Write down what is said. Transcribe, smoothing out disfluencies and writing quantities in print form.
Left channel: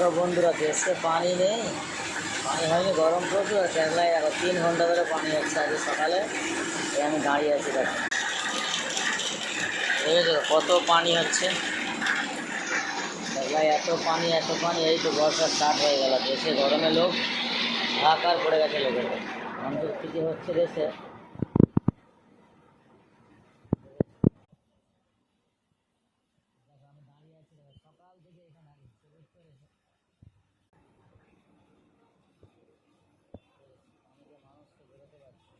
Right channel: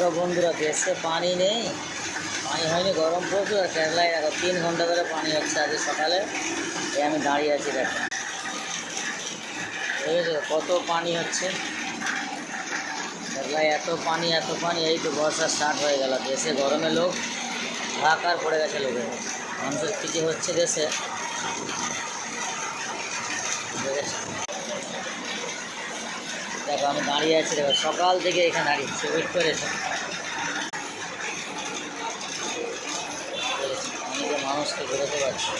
দেখো বন্ধুরা, দেশে পানি নেই, পানি হয়নি, গরম প্রচুর। কেরালায় দেখো 3 ঘন্টা ধরে পানি হচ্ছে আজকে সকালে। এই আমি দাঁড়িয়ে আছি, দেখো বুঝেছো কত পানি হচ্ছে কেরালায়। এত পানি এত পানি, এই তো বর্ষা স্টার্ট হয়ে গেল। দেশে গরমে লোক হাহাকার পড়ে গেছে লোকের। মানুষের কী যে হচ্ছে দেশে, দেখো আমি দাঁড়িয়ে আছি, দেখো সকাল থেকে এখানে দাঁড়িয়ে ওয়েট করেছে। আমি যে মানুষকে বেরোতে পারছি।